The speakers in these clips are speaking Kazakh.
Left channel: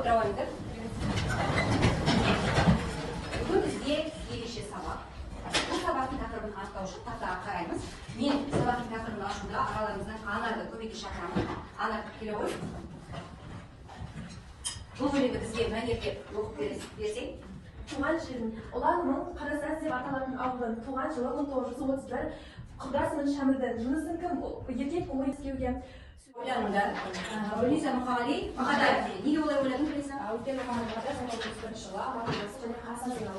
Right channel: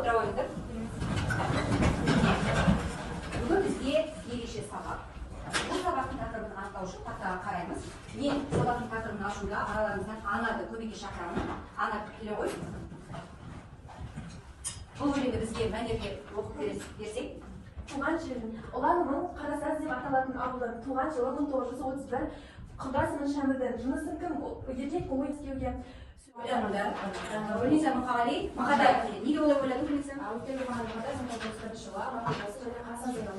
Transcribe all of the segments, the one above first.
отыра қойыңыздар. Бүгін бізге ерекше сабақ. Бұл сабақтың тақырыбын анықтау үшін тақтаға қараймыз. Мен сабақтың тақырыбын ашуда араларыңыздан Анарды көмекке шақырамын. Ана келе ғой. Бұл бөлімді бізге мәнерлеп оқып берсек. Туған жердің ұланымын Қарасаз деп аталатын ауылдан туған жылы 1931 Құдасының Шәмірден жынысың кім? Еркек болу ескеуге. Ойланыңдар. Руниза Мұқағали Мақатаев дейді. Неге олай ойладың Руниза? Өйткені Мұқағали Мақатаев 1931 жылы Аманжолов және Қасым Зейналы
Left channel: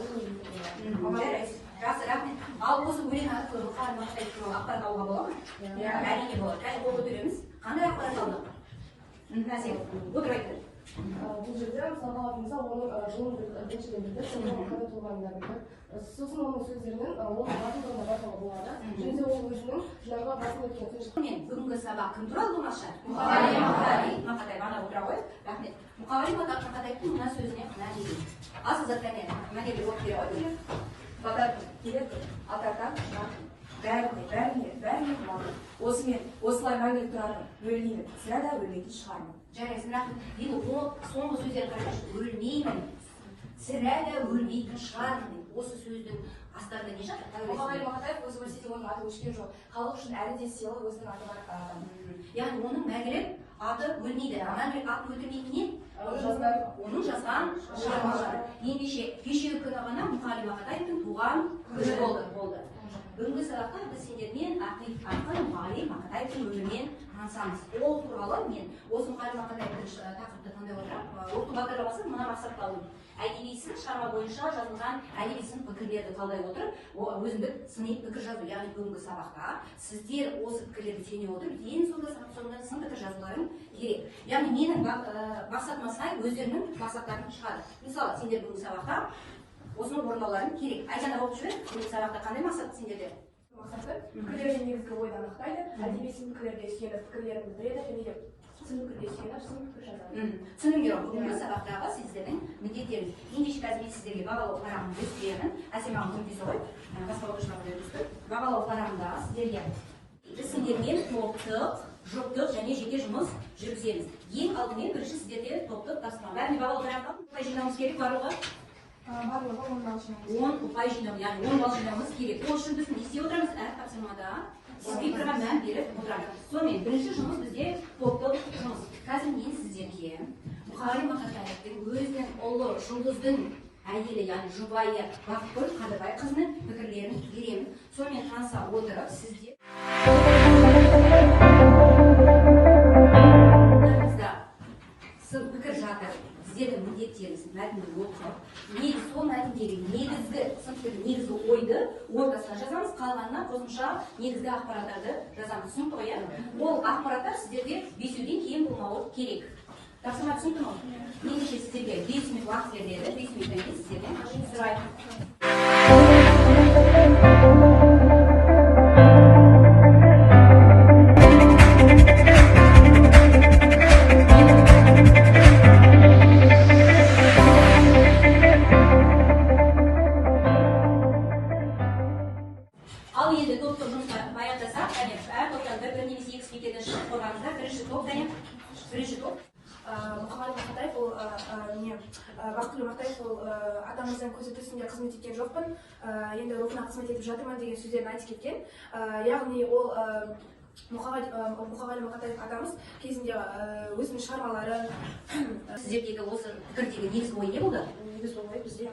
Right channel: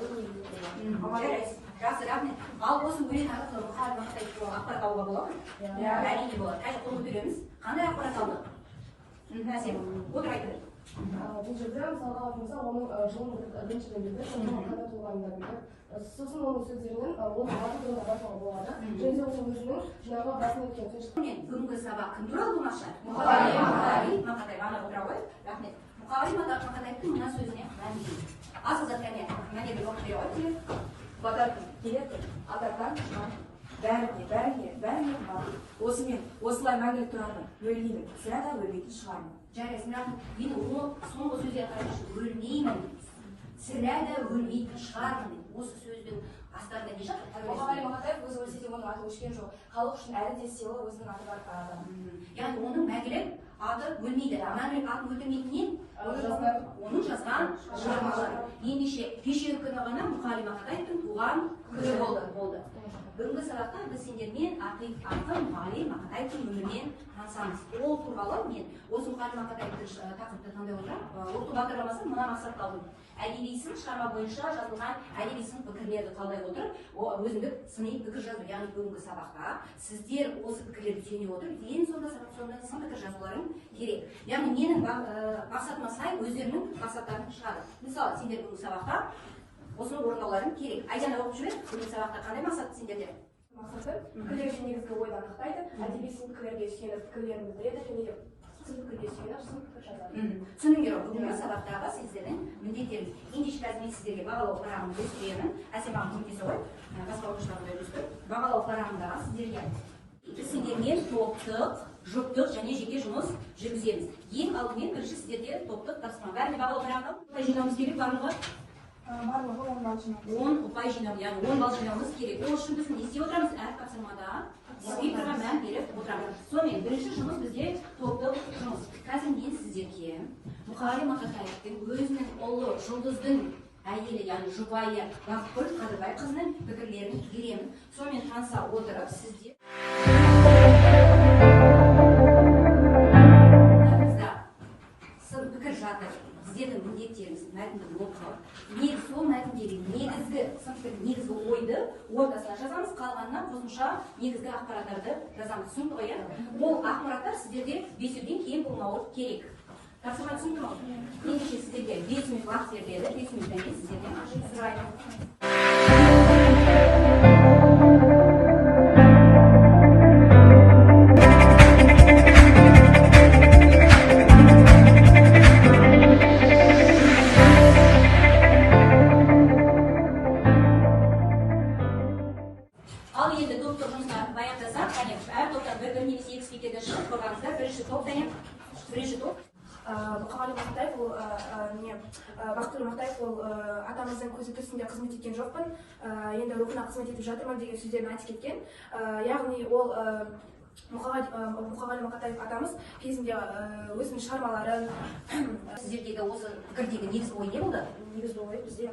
жарайсыз. Жақсы, рахмет. Ал осы өлең арқылы Мұқағали Мақатаев туралы ақпарат алуға бола ма? Әрине болады. Қазір қол көтереміз. Қандай ақпарат алдық? Әсем, отырып айтты. Бұл жерде мысалға алатын болса, оның жылын біріншіден білдір, сосын қайда туғанын да білдір. Сосын оның сөздерінен оның аты-жөнін де байқауға болады. Және де ол өзінің жаңағы басын өткен сөз. Бүгінгі сабақ кім туралы болмақшы? Мұқағали Мақатаев. Ана отыра қойып, рахмет. Мұқағали Мақатаевтың мына сөзіне мына дейді. Асыл заттармен мәнерлеп оқып бере қойыңыздар. Батаркүн келеді, атардан бәріне осымен осылай мәңгілік тұратын өлмеймін, сірә да өлмейтін шығармын. Жарайсың, рахмет. Енді соңғы сөздер қарашы, өлмеймін, сірә да өлмейтін шығармын. Осы сөздің астарында не жатыр? Мұқағали Мақатаев өзі өлсе де оның аты өшкен жоқ. Халық үшін әлі де сыйлы өзінің аты бар адам. Яғни оның мәңгілік аты өлмейді. Мәңгілік атын өлтірмейтінен оның жазған шығармалары. Ендеше кешегі күні ғана Мұқағали Мақатаевтың туған күні болды. Бүгінгі сабақта біз сендермен ақиқ арқылы Мұқағали Мақатаевтың өмірімен танысамыз. Ол туралы мен осы Мұқағали Мақатаевтың тақырыпты таңдай отырып, оқыту бағдарламасын мына мақсатқа алдым. Әдеби сын шығарма бойынша жазылған әдеби сын пікірлерді талдай отырып, өзіндік сыни пікір жазу. Яғни бүгінгі сабақта сіздер осы пікірлерді сүйене отырып, ең соңында сын пікір жазуларың керек. Яғни менің мақсатыма сай өздерінің мақсаттарын шығады. Мысалы, сендер бүгінгі сабақта осының орындауларын керек. Айжан оқып жүріп, бүгінгі сабақта қандай мақсат сендерде? Мақсаты пікірлердің негізгі ойды анықтайды, әдеби сын пікірлерге сүйеніп пікірлерін білдіреді және де сын пікірге сүйеніп сын пікір жазады. Түсініңдер, бүгінгі сабақтағы сіздердің міндеттеріңіз. Ендеше қазір мен сіздерге бағалау парағын көрсетемін. Әсем ағам көмектесе ғой, басқа оқушыларға көрсетіп. Бағалау парағында сіздерге сіздермен топтық, жұптық және жеке жұмыс жүргіземіз. Ең алдымен бірінші сіздерде топтық тапсырма. Бәріне бағалау парағында ұпай жинауымыз керек барлығы? Барлығы 10 балл жинау. 10 ұпай жинау, яғни 10 балл жинауымыз керек. Ол үшін біз не істеп отырамыз? Әр тапсырмада спикерға мән беріп отырамыз. Сонымен бірінші жұмыс бізде топтық жұмыс. Қазір мен сіздерге Мұқағали Мақатаевтың өзінің ұлы жұлдыздың әйелі, яғни жұбайы Бақытгүл Қадырбайқызының пікірлерін беремін. Сонымен таныса отырып сіздер сын пікір жатыр. Сіздердің міндеттеріңіз мәтінді оқып, сол мәтіндегі негізгі сын пікір, негізгі ойды ортасына жазамыз, қалғанына қосымша негізгі ақпараттарды жазамыз. Түсінікті ғой? Ол ақпараттар сіздерде бесеуден кейін болмауы керек. Тапсырма түсінікті ме? Ендеше сіздерге 5 минут уақыт беріледі, 5 минуттан кейін сіздерден сұраймын. Ал енді топтық жұмысқа баян жасап, әр топтан бір немесе екі спикерден шығып қойғаныңыздар. Бірінші топ, бірінші топ. Мұқағали Мақатаев ол Бақытгүл Мақатаев ол атамыздың көзі түсінде қызмет еткен жоқпын, енді рухына қызмет етіп жатырмын деген сөздерін айтып кеткен. Яғни ол Мұқағали Мақатаев атамыз кезінде өзінің шығармалары. Сіздердегі осы пікірдегі негізгі ой не болды? Негізгі ой бізде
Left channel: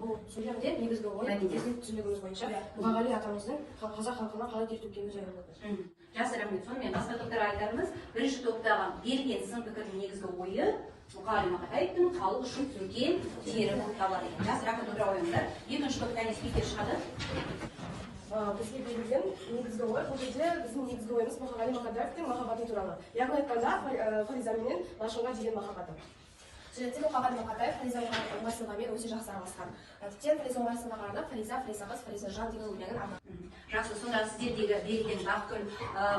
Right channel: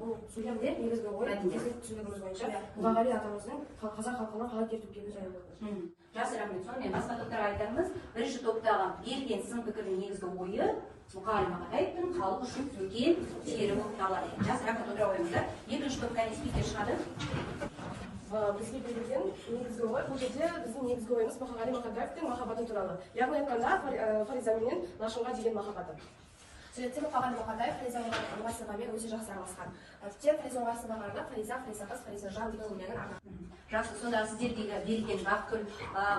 бұл сөйлемде негізгі ой біздің түсінігіміз бойынша Мұқағали атамыздың қазақ халқына қалай тер төккені жайлы болды. Жақсы, рахмет. Сонымен басқа топтарға айтарымыз, бірінші топтағы берілген сын пікірдің негізгі ойы Мұқағали Мақатаевтың халық үшін төккен тері болып табылады. Жақсы, рахмет, отыра қойыңыздар. Екінші топтан спикер шығады. Бізге берілген негізгі ой, бұл жерде біздің негізгі ойымыз Мұқағали Мақатаевтың махаббаты туралы. Яғни айтқанда Фариза менен Лашынға деген махаббаты. Суретте Мұқағали Мақатаев Фаризамен өте жақсы араласқан. Тіптен Фариза арасына қарағанда Фариза қыз, Фариза жан деген өлеңін арнаған. жақсы, сонда сіздердегі берілген Бақытгүл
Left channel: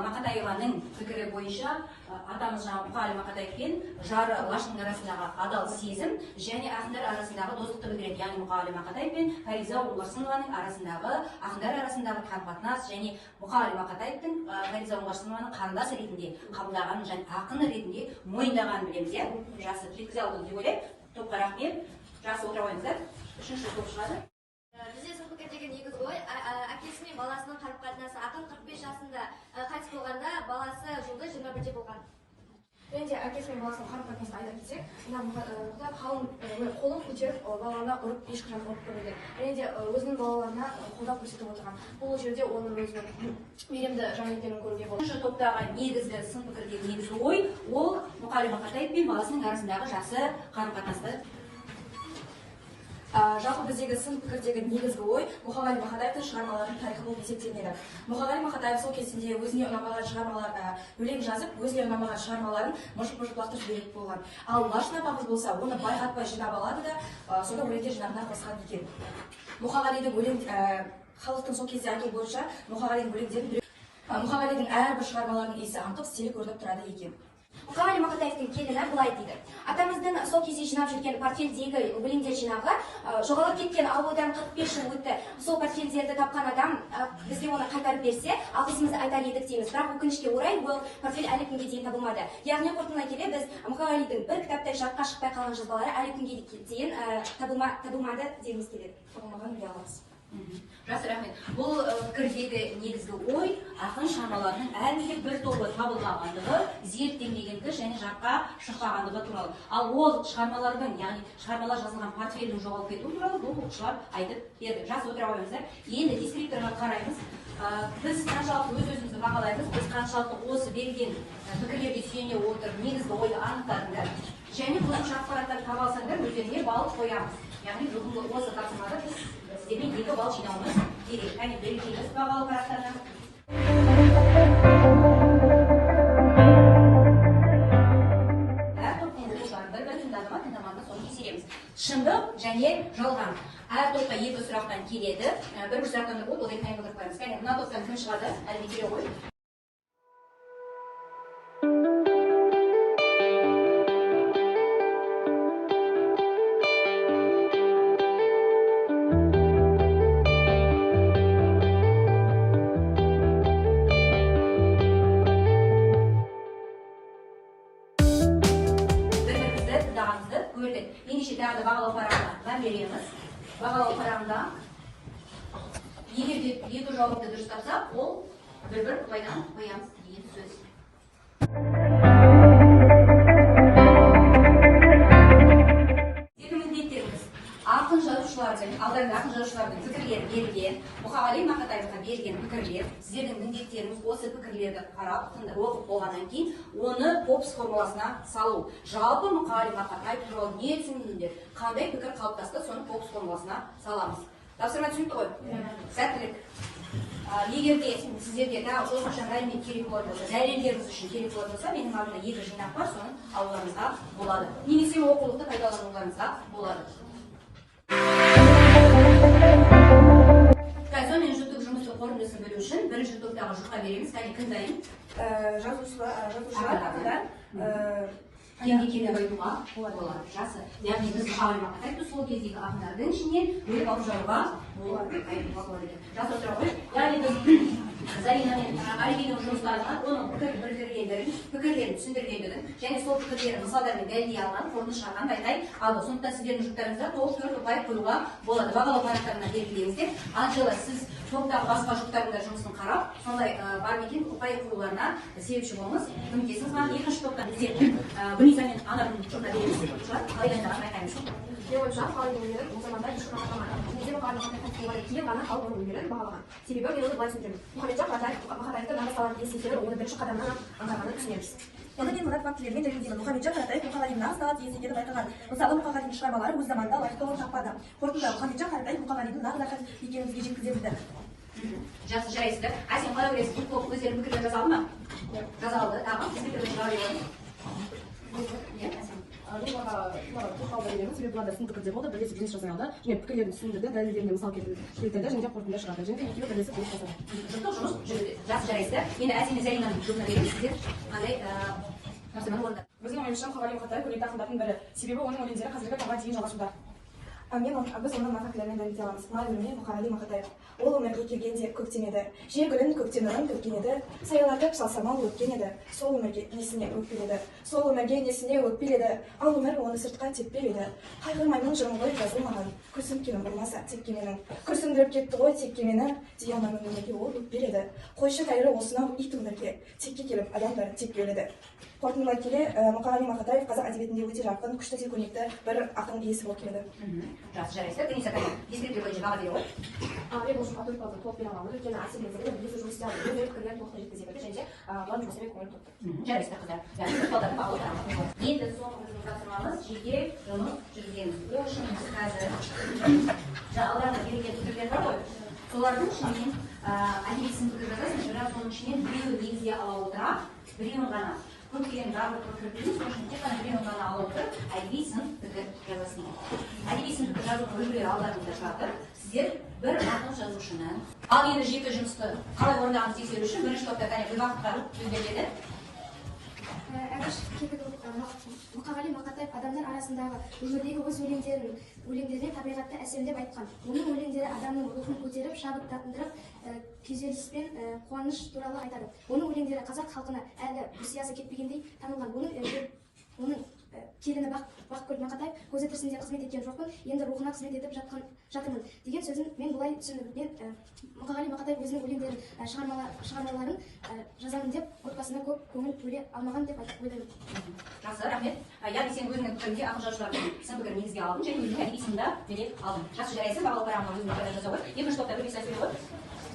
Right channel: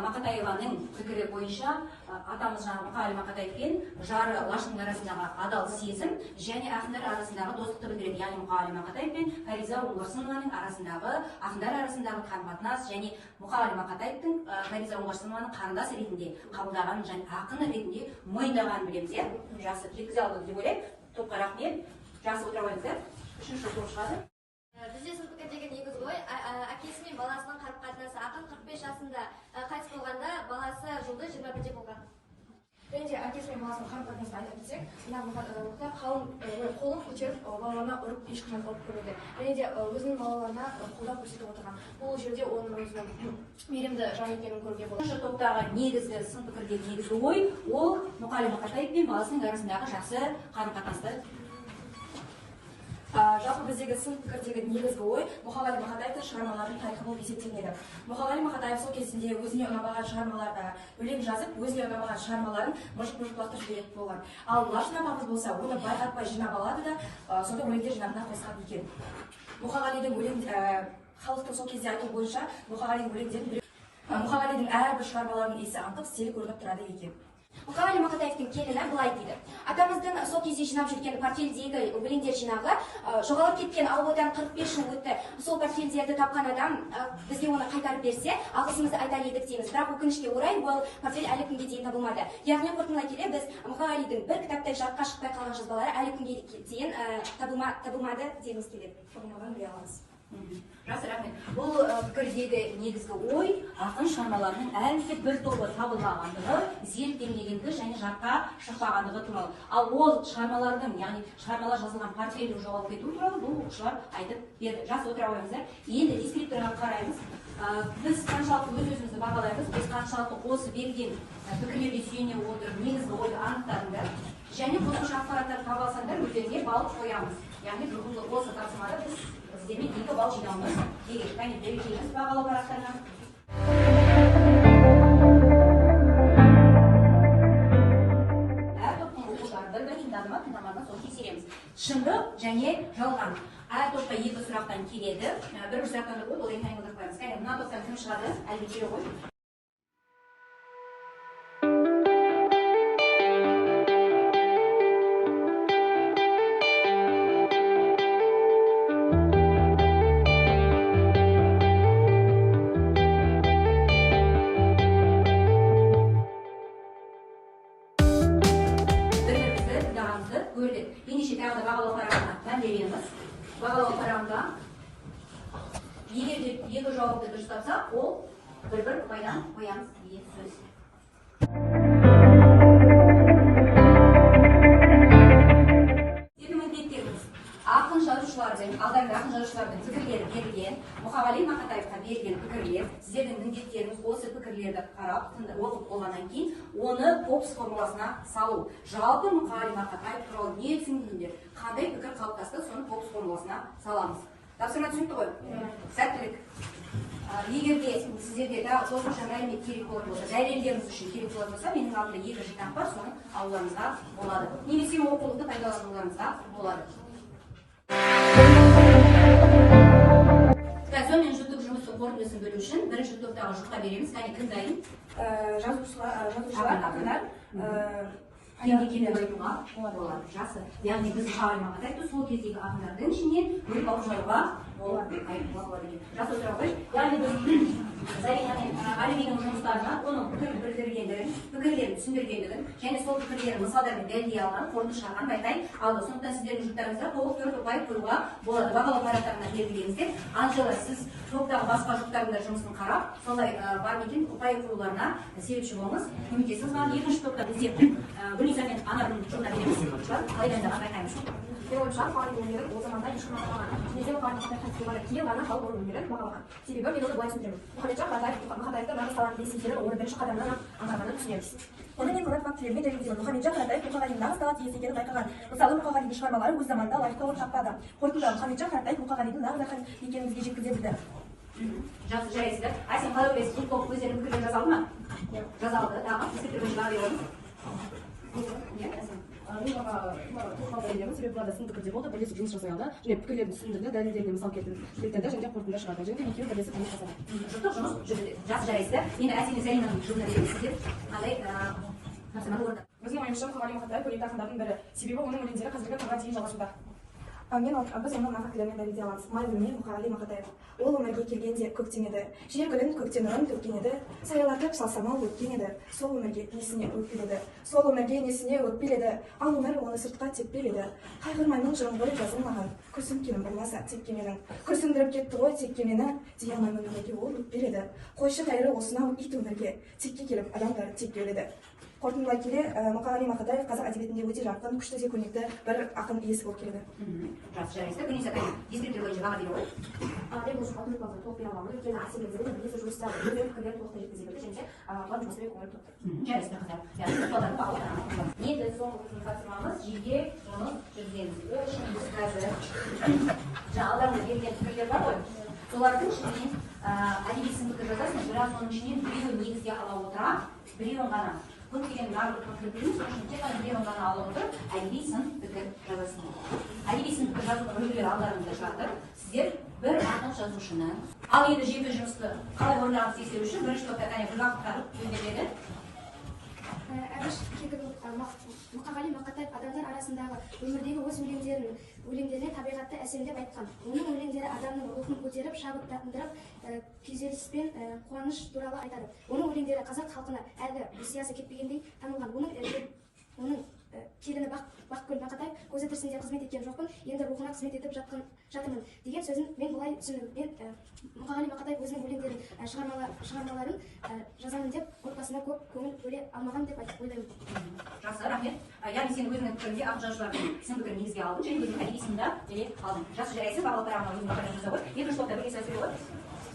Мақатаеваның пікірі бойынша атамыз жаңағы Мұқағали Мақатаев пен жары Лашынның арасындағы адал сезім және ақындар арасындағы достықты білдіреді. Яғни Мұқағали Мақатаев пен Фариза Оңғарсынованың арасындағы ақындар арасындағы қарым-қатынас және Мұқағали Мақатаевтың Фариза Оңғарсынованы қарындас ретінде қабылдағанын және ақын ретінде мойындағанын білеміз, иә? Жақсы, жеткізе алдық деп ойлаймын. Топқа рахмет. Жақсы, отыра қойыңыздар. Үшінші топ шығады. Бізде сол пікірдегі негіз ғой, әкесі мен баласының қарым-қатынасы. Ақын 45 жасында қайтыс болғанда, баласы жылда 21-де болған. Және де әкесі мен баласының қарым-қатынасын айта кетсек, мұхтар қалың қолын көтеріп балаларына ұрып ешқашан ұрып көрмеген. Және де өзінің балаларына қолдау көрсетіп отырған. Бұл жерде оның өзінің мейірімді жан екенін көруге болады. Үшінші топтағы негізгі сын пікірдегі негізгі ой, ол Мұқағали Мақатаев пен баласының арасындағы жақсы қарым-қатынасты. Жалпы біздегі сын пікірдегі негізгі ой Мұқағали Мақатаевтың шығармаларының тарихы болып есептелінеді. Мұқағали Мақатаев сол кезінде өзіне ұнамаған шығармалар өлең жазып, өзіне ұнамаған шығармаларын мұжып-мұжып лақтырып жіберетін болған. Ал Лашын апамыз болса, оны байқатпай жинап алады да, сонда өлеңдер жинағына қосқан екен. Мұқағалидың өлең халықтың сол кезде айтуы бойынша Мұқағалидың әрбір шығармаларының есі аңқып, стилі көрініп тұрады екен. Мұқағали Мақатаевтың келіні былай дейді. Атамыздың сол кезде жинап жүрген портфельдегі өлеңдер жинағы жоғалып кеткен, ал одан 45 жыл өтті. Сол портфельдерді тапқан адам бізге оны қайтарып берсе, алғысымызды айтар едік дейміз. Бірақ өкінішке орай бұл портфель әлі күнге дейін табылмады. Яғни қорытындылай келе біз Мұқағалидың бір кітаптай жарыққа шықпай қалған жазбалары әлі күнге дейін табылмады дегіміз келеді. Табылмаған ұялымыз. Жақсы, рахмет. Бұл пікірдегі негізгі ой ақын шығармаларының әлі бір тобы табылмағандығы, зерттелмегендігі және жарыққа шықпағандығы туралы. Ал ол шығармалардың, яғни шығармалар жазылған портфельдің жоғалып кетуі туралы бұл оқушылар айтып берді. Жақсы, отыра қойыңыздар. Енді дескрипторға қараймыз. Біз қаншалықты өз-өзімізді бағалаймыз, біз қаншалықты осы берілген пікірлерге сүйене отырып негізгі ойды анықтадыңдар және қосымша ақпараттар таба алсаңдар өздеріңе балл қоямыз. Яғни бүгінгі осы тапсырмада біз сіздермен 2 балл жинауымыз керек. Және берекеліміз бағалы парақтарынан. Әр топтың оқушыларын бір-бір тыңдады ма, тыңдамады ма, соны тексереміз. Шындық және жалған. Әр топта 2 сұрақтан келеді. Бір сұрақтан да болды, одан кейін отырып қоямыз. Кәне, мына топтан кім шығады? Әлбетте ғой. Ендеше тағы да бағалау парағына береміз. Бағалау парағында егер де 2 жауапты дұрыс тапсақ, ол бір-бір ұпайдан қоямыз деген сөз. Ақын жазушылардың, алдағы ақын жазушылардың пікірлері берілген, Мұқағали Мақатаевқа берген пікірлер, сіздердің міндеттеріңіз осы пікірлерді қарап, оқып болғаннан кейін, оны Попс формуласына салу. Жалпы Мұқағали Мақатаев туралы не түсіндіңдер, қандай пікір қалыптасты, соны Попс формуласына саламыз. Тапсырма түсінікті ғой? Сәттілік. Егер де сіздерде қосымша мәлімет керек болатын болса, дәлелдеріңіз үшін керек болатын болса, менің алдымда 2 жинақ бар, соны алуларыңызға болады. Немесе оқулықты пайдалануларыңызға болады. Сонымен жұптық жұмысы қорытындысын білу үшін бірінші топтағы жұпқа береміз. Кәне, кім дайын? Жазушылар, ақындар Кімге келіп айтуға болады. Жақсы. Яғни біз Мұқағали Мақатаевты сол кездегі ақындардың ішінен бөліп алып жаруға болады. Жақсы, отыра ғой. Яғни біз Зарина мен Алибидің жұмыстарына оның пікірлерін түсіндіргендігін және сол пікірлерін мысалдармен дәлелдей алған, қорытынды шығарғанын байқай алды. Сондықтан сіздердің жұптарыңызда 9 ұпай қоюға болады. Бағалау парақтарына белгілеңіздер. Анжела, сіз топтағы басқа жұптардың жұмысын қарап, солай бар екен ұпай қоюларына себепші болыңыз. Көмектесіңіз. Маған екінші топтан бізде Гүлниса мен Анардың жұбына береміз. Қалайында байқаймыз. Менің ойымша, Мұқағалидың өнерін ол заманда ешкім бағаламаған. Бізде Мұқағали Мақатаевтың кейін ғана халық оның өнерін бағалаған. Себебі мен оны былай түсіндіремін. Мұқағалиджан Мақатаевты нағыз талантты есекені оның бірінші қадамынан аңғарғанын түсінеміз. Оны мен мына фактілермен дәлелдеймін. Мұқағалиджан Мақатаев Мұқағалидың нағыз талант иесі екенін байқаған. Мысалы, Мұқағалидың шығармалары өз заманында лайықты орын таппады. Қорытындыда Мұқағалиджан Мақатаев Мұқағалидың нағыз ақын екенін бізге жеткізе білді. Жақсы, жарайсыздар. Сен қалай ойлайсыз? Бұл топ өздерінің пікірін жазалды ма? Жазалды. Тағы, біз пікірін шығара береміз. Бұл тоқал береміз. себебі бұларда сын пікірде болды, бірлесіп жұмыс жасай алды, және пікірлерін түсіндірді, дәлелдеріне мысал келтірді, және қорытынды шығарды, және де екеуі бірлесіп жұмыс жасады. Дұрыстық жұмыс жүрді. Жақсы жарайсыздар. Енді Әсем Заринаның жолына бересіздер. Қандай нәрсені орда. Біздің ойымызша Мұқағали Мақатаев өлең ақындардың бірі, себебі оның өлеңдері қазіргі таңға дейін жалғасуда. Біз оны мына фактілермен дәлелдей аламыз. Май күні Мұқағали Мақатаев. Ол өмірге келгенде көктем еді. Жер гүлін көктем нұрын төккен еді. Саяларды салсамал өткен еді. Сол өмірге несіне өкпеледі. Сол өмірге несіне өкпеледі. Ал өмір оны сыртқа теппеледі. Қайғырмаймын жырым ғой жазылмаған. Күрсінткенім болмаса тепкеменің. Күрсіндіріп кетті ғой тепкемені. Дей алмаймын өмірге ол өкпеледі. Қойшы тәйірі осынау ит өмірге. Текке келіп адамдар тепке өледі. Қорытындылай келе, Мұқағали Мақатаев қазақ әдебиетінде өте жарқын, күшті де көрнекті бір ақын иесі болып келеді. Жақсы жарайсыздар. Күнес апай, дискриптив бойынша баға бере ғой. Мен бұл жұмысқа толық толық бере аламын. Өйткені Әсем Зарина бізде жұмыс істеп өз пікірлерін толықтай жеткізе білді, және де бұлардың жұмысына көңіл тоқты. Жарайсыздар қыздар. Яғни балдардың бақылауына. Енді соңғы біздің тапсырмамыз жеке жұмыс жүргіземіз. Ол үшін біз қазір алдарында берілген пікірлер бар ғой. Солардың ішінен әдеби сын пікір жазасың, бірақ соның ішінен біреуін негізге ала отыра, біреуін ғана көптеген барлық пікірлеріміз соның ішінде тек қана біреуін ғана ала отырып, әдеби сын пікір жазасың. Әдеби сын пікір жазудың үлгілері алдарыңызда жатыр. Сіздер бір ақын жазушыны, ал енді жеке жұмысты қалай орындағанын тексеру үшін бірінші топта кәне бір уақытқа өтеледі. Әбіш Кекілов, Мұқағали Мақатаев адамдар арасындағы өмірдегі өз өлеңдеріне табиғатты әсемдеп айтқан. Оның өлеңдері адамның рухын көтеріп, шабыттандырып, күйзеліс пен қуаныш туралы айтады. Оның өлеңдері қазақ халқына әлі сиясы кетпегендей танылған. Оның келіні Бақкүл Мақатаев көзі тірісінде қызмет еткен жоқпын, енді рухына қызмет етіп жатырмын деген сөзін мен бұлай түсіндім. Мен Мұқағали Мақатаев өзінің өлеңдерін, шығармаларын жазамын деп отбасында көп көңіл бөле алмаған деп ойлаймын. Жақсы, рахмет. Яғни сен өзіңнің пікірінде ақын жазушылардың сын пікірін негізге алдың, және өзіңнің әдеби сынды белек алдың. жақсы жарайсың, бағалы парағына өзіңнің пікірін жасауға. Екінші топта бөлме сөз бере ғой.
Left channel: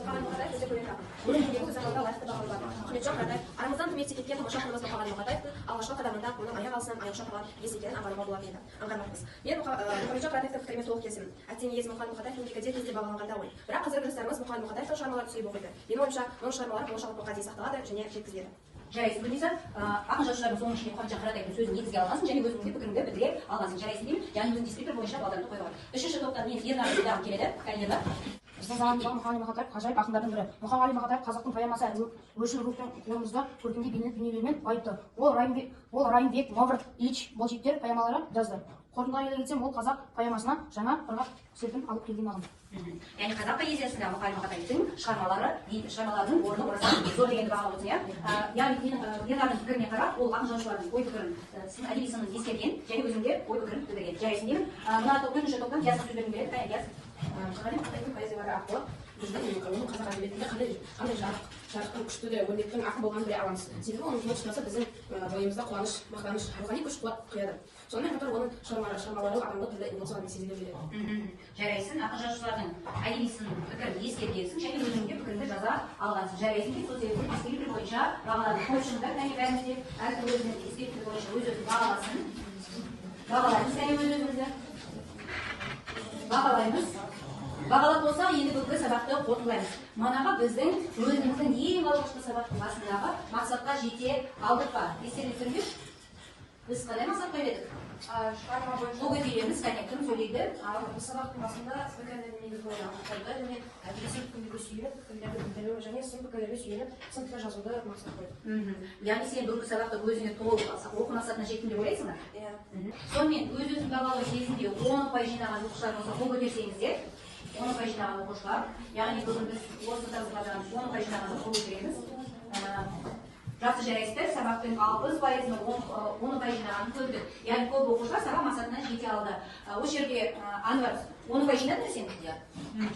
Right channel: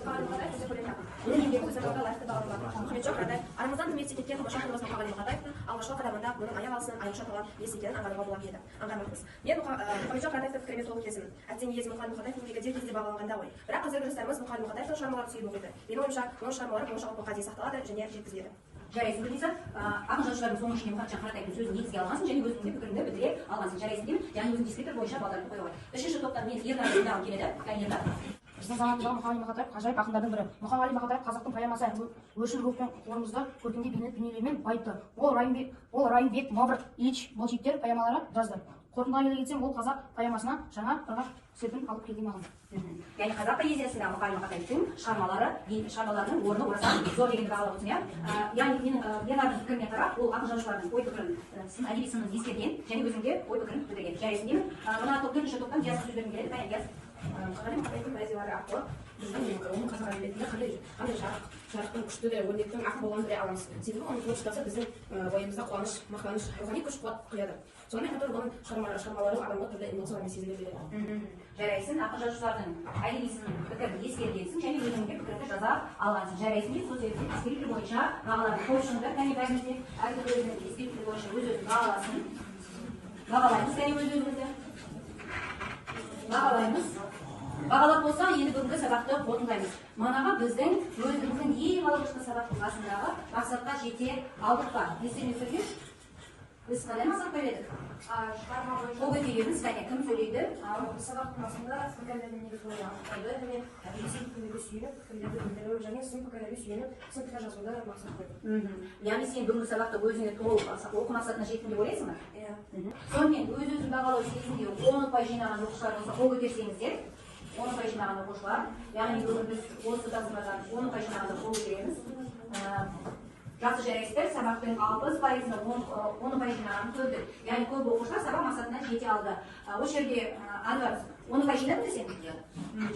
Мұқағали Мақатаев өте көрнекті ақын. Оның еңбегі өз заманында лайықты бағаланған. Ахметжан Қартаев арамыздан құрметке кеткен тамаша ақынымыз Мұқағали Мақатаевтың алғашқы қадамында оның аяқ алысынан аяқша қалған ес екенін аңғаруға болатын еді. Аңғармақпыз. Мен Мұқағали Мақатаевтың пікірімен толық келісемін. Әттең иесі Мұқағали Мақатаев еңбегі дер кезінде бағаланғанда ғой. Бірақ қазіргі достарымыз Мұқағали Мақатаевтың шығармаларын түсініп оқиды. Менің ойымша, оның шығармалары болашақ ұрпаққа дейін сақталады және жеткізіледі. Жарайсың дейсің, ақын жазушылардың соның ішінде Мұхамеджан Қартаевтың сөзін негізге алмасын және өзіңнің де пікіріңді білдіре аласың. Жарайсың деймін, яғни өзің дискриптор бойынша балдарды қоюға болады. Үшінші топтан мен Ернар Ердағым келеді. Ернар. Біздің заманымыздағы Мұқағали Мақатаев ғажайып ақындардың бірі. Мұқағали Мақатаев қазақтың поэмасы өршіл рухтың орнымызда көркемде бейнелі дүниелермен байытты. Ол Райымбек, Маврик, Ильич, Болжиктер поэмалары жазды. Қорытындыға келе кетсем, ол қазақ поэмасына жаңа ырғақ серпін алып келген ақын. Яғни қазақ поэзиясында Мұқағали Мақатаевтың шығармаларының орны орасан зор дегенді бағалап отырсың, иә? Яғни менің Ернардың пікіріне қарап, ол ақын жазушылардың ой пікірін, әдеби сынын ескерген және өзінде ой пікірін білдірген. Жарайсың деймін. Мына бірінші топтан Диас сөз беруін береді. Диас. Мұқағали Мақатаевтың поэзиялары арқылы біздің оның қазақ әдебиетінде қандай жарқын күшті де өрнектің ақын болғанын біле аламыз. Себебі оның творчествосы біздің бойымызда қуаныш, мақтаныш, рухани күш қуат құяды. Сонымен қатар оның шығармалары адамға түрлі эмоциялармен сезіле береді. Жарайсың, ақын жазушылардың әдеби сын пікірін ескергенсің және өзіңде пікіріңді жаза алғансың. Жарайсың дейді, сол себепті дискриптор бойынша бағалады. Қойшыңдар, кәне бәрімізде әркім өзінің дискриптор бойынша өз-өзін бағаласын. Бағалаймыз, кәне өз-өзімізді. Бағалаймыз. Бағалап болсақ, енді бүгінгі сабақты қорытындылаймыз. Манаға біздің өзіміздің ең алғашқы сабақтың басындағы мақсатқа жете алдық па? Естеріңізде түрме? Біз қандай мақсат қойдық? Шығарма бойынша Ол өтелеміз, кәне кім сөйлейді? сабақтың басында пікірлердің негізгі анықтауды және әдеби пікірлерге сүйеніп, пікірлерді білдіру және сын пікірлерге сүйеніп, сын пікір жазуды мақсат қойдық. Яғни сен бүгінгі сабақта өзіңе толық оқу мақсатына жеттің деп ойлайсың ба? Иә. Сонымен өз-өзін бағалау кезінде 10 ұпай жинаған оқушылар болса, қол көтерсеңіздер, 10 ұпай жинаған оқушылар, яғни бүгін біз осы тапсырмадан 10 ұпай жинағанда қол көтереміз. Жақсы жарайсыздар, сабақтың 60%-ны 10 ұпай жинағанды көрдік. Яғни көп оқушылар сабақ мақсатына жете алды. Осы жерге Анвар 10 ұпай жинадың ба сен?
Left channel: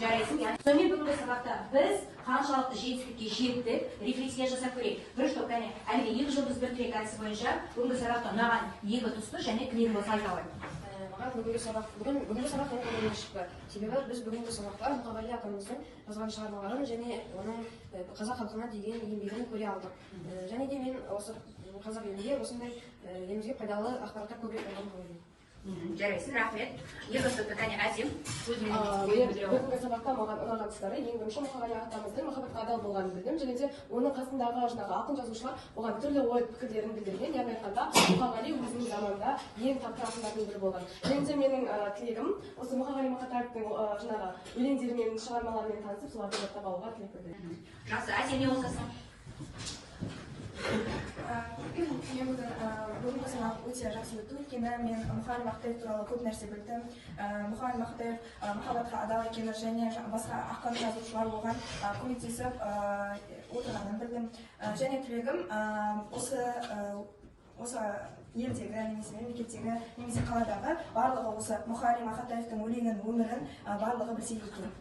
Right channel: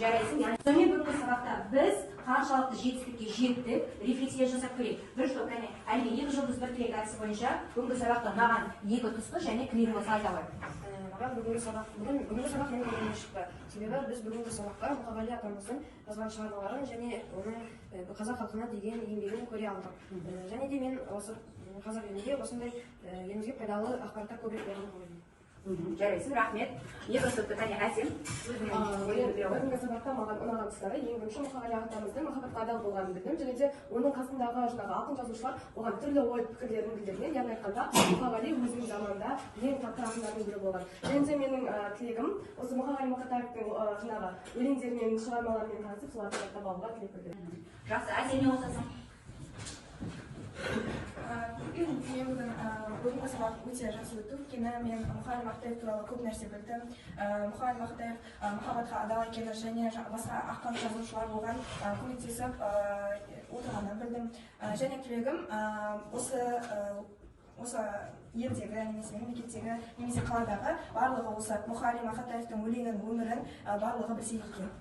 Жарайсың, яғни. Сонымен бүгінгі сабақта біз қаншалықты жетістікке жеттік, рефлексия жасап көрейік. Бірінші топ, кәне, әлгі 2 жұлдыз бір тілек әдісі бойынша бүгінгі сабақта ұнаған 2 тұсты және тілек болса айта алайық. Бүгінгі сабақ ең көңілге шықты. Себебі біз бүгінгі сабақта Мұқағали атамыздың жазған шығармаларын және оның қазақ халқына деген еңбегін көре алдық. Және де мен осы қазақ елінде осындай елімізге пайдалы ақпараттар көбірек болуын қалаймын. жарайсың, рахмет. Екінші топтан кәне Әсем өзіңнің ойын білдіре ғой. бүгінгі сабақта маған ұнаған тұстары ең бірінші мұқағали ағатамыздың махаббатқа адал болғанын білдім, және де оның қасындағы жаңағы ақын жазушылар оған түрлі ой пікірлерін білдірген, яғни айтқанда мұқағали өзінің заманында ең тапқыр ақындардың бірі болған. Және де менің тілегім осы мұқағали мақатаевтың жаңағы өлеңдерімен, шығармаларымен танысып, соларды жаттап алуға тілек білдіремін. Жақсы, Әсем не қосасың? Мен бүгінгі сабақ өте жақсы өтті, өйткені мен Мұқағали Мақатаев туралы көп нәрсе білдім. Мұқағали Мақатаев махаббатқа адал екені және басқа ақын жазушылар оған көмектесіп отырғанын білдім. Және тілегім осы елдегі немесе мемлекеттегі немесе қаладағы барлығы осы Мұқағали Мақатаевтың өлеңін, өмірін барлығы білсе екен.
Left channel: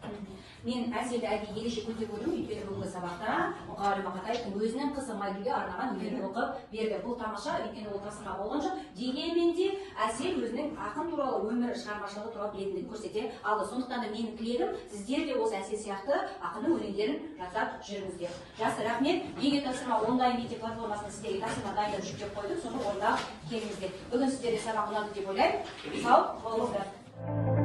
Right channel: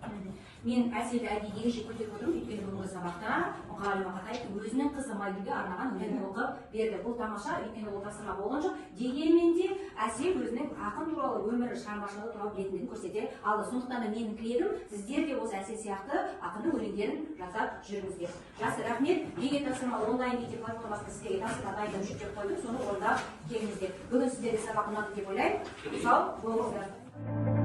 Мен Әселді әдейі ерекше көтеріп отырмын, өйткені бүгінгі сабақта Мұқағали Мақатаевтың өзінің қызы Майгүлге арнаған өлеңін оқып берді. Бұл тамаша, өйткені ол тапсырма болған жоқ. Дегенмен де Әсел өзінің ақын туралы, өмірі, шығармашылығы туралы білетіндігін көрсете алды. Сондықтан да менің тілегім, сіздер де осы Әсел сияқты ақынның өлеңдерін жазап жүріңіздер. Жақсы, рахмет. Егер тапсырма онлайн мектеп платформасында сіздерге тапсырма дайындап жүктеп қойдым, соны орындап келіңіздер. Бүгін сіздерге сабақ ұнады деп ойлаймын. Сау болыңыздар.